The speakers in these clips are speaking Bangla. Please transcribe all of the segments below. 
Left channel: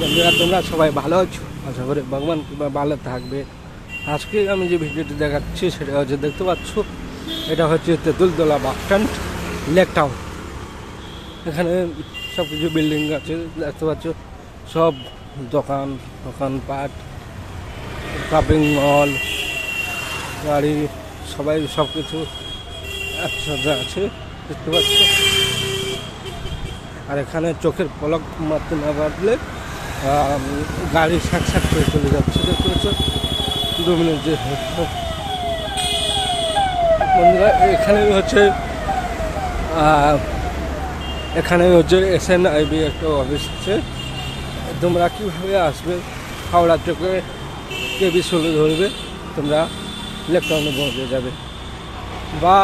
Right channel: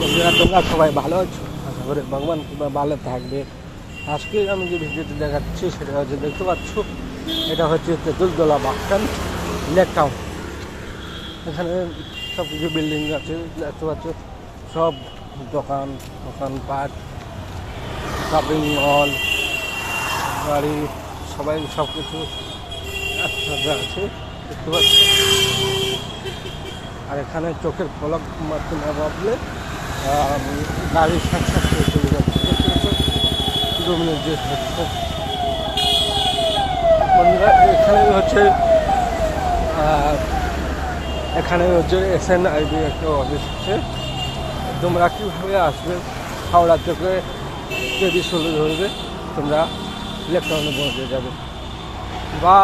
বন্ধুরা, তোমরা সবাই ভালো আছো? আশা করি ভগবান কিংবা ভালো থাকবে। আজকে আমি যে ভিডিওটি দেখাচ্ছি সেটা হচ্ছে, দেখতে পাচ্ছ, এটা হচ্ছে Tentultala bus stand, lake town. এখানে সব কিছু বিল্ডিং আছে, দেখতে পাচ্ছ, সব দোকানপাট, শপিং মল, গাড়ি, সবাই সব কিছু একসাথে আছে, দেখতে পাচ্ছ। আর এখানে চোখের পলক মাত্র না বাঁধলে গাড়ি শাক করে চলে যাচ্ছে, দেখতে পাচ্ছ। 2 মিনিট যে বন্ধুরা, এখানে হচ্ছে SNIB একটা অফিস আছে। তোমরা কীভাবে আসবে, হাওড়া থেকে কেবি চলে ধরবে, তোমরা লেক টাউনে পৌঁছে যাবে। বা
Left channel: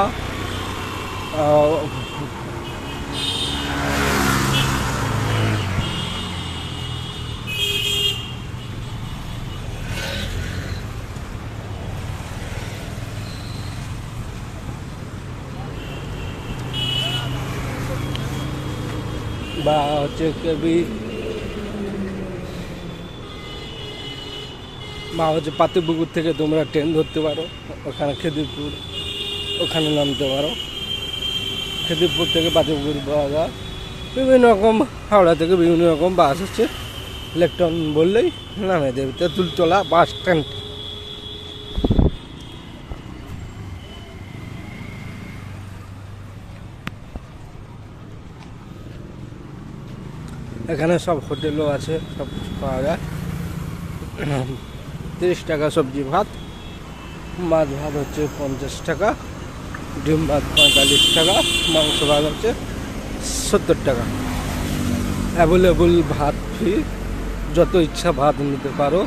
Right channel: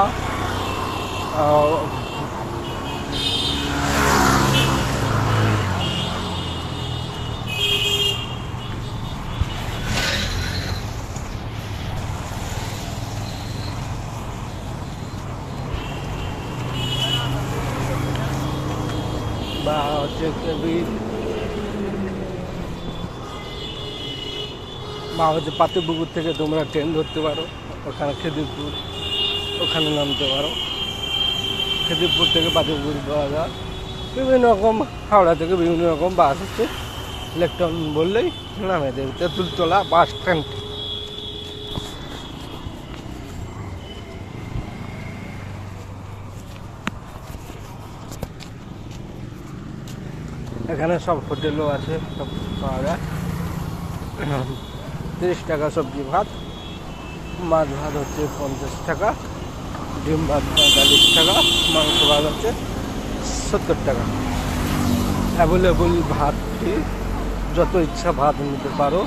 হচ্ছে কেবি বা হচ্ছে পাতিপুকুর থেকে তোমরা ট্রেন ধরতে পারো, ওখানে খেদিরপুর, ওখানে নামতে পারো। খেদিরপুর থেকে পাতিপুকুর পাওয়া যায়। বিভিন্ন রকম হাওড়া থেকে বিভিন্ন রকম বাস হচ্ছে, লেক টাউন বললেই নামে দেবে। Tentultala bus stand. এখানে সব হোটেলও আছে, সব কিছু পাওয়া যায়। 30 টাকা সবজি ভাত, মাছ ভাত হচ্ছে 50 টাকা, ডিম ভাত 45 টাকা, মাংস ভাত হচ্ছে 70 টাকা। অ্যাভেলেবল ভাত ফ্রি, যত ইচ্ছা ভাত নিতে পারো।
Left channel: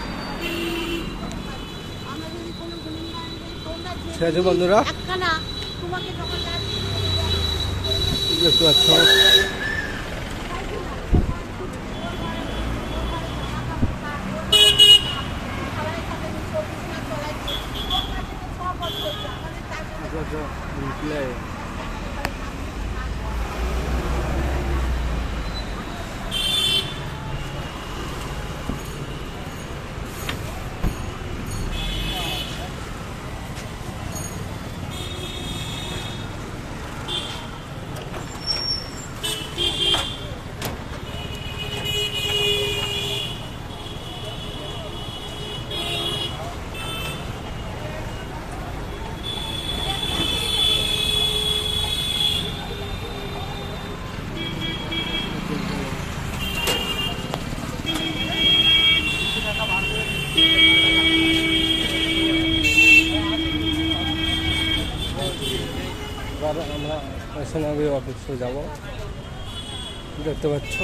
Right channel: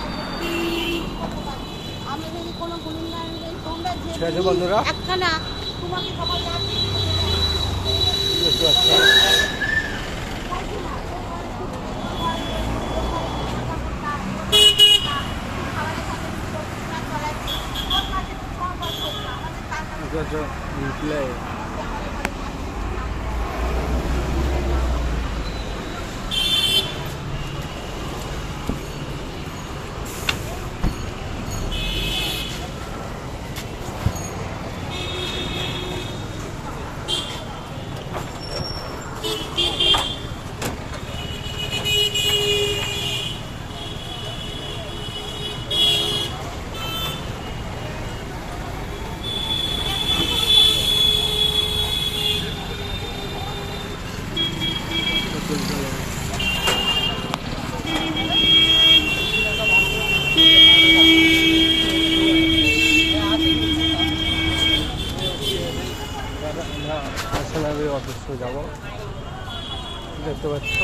ঠিক আছে বন্ধুরা, দেখতে পাচ্ছ play. আমরা SNIB অফিসে যাব, দেখতে পাচ্ছ।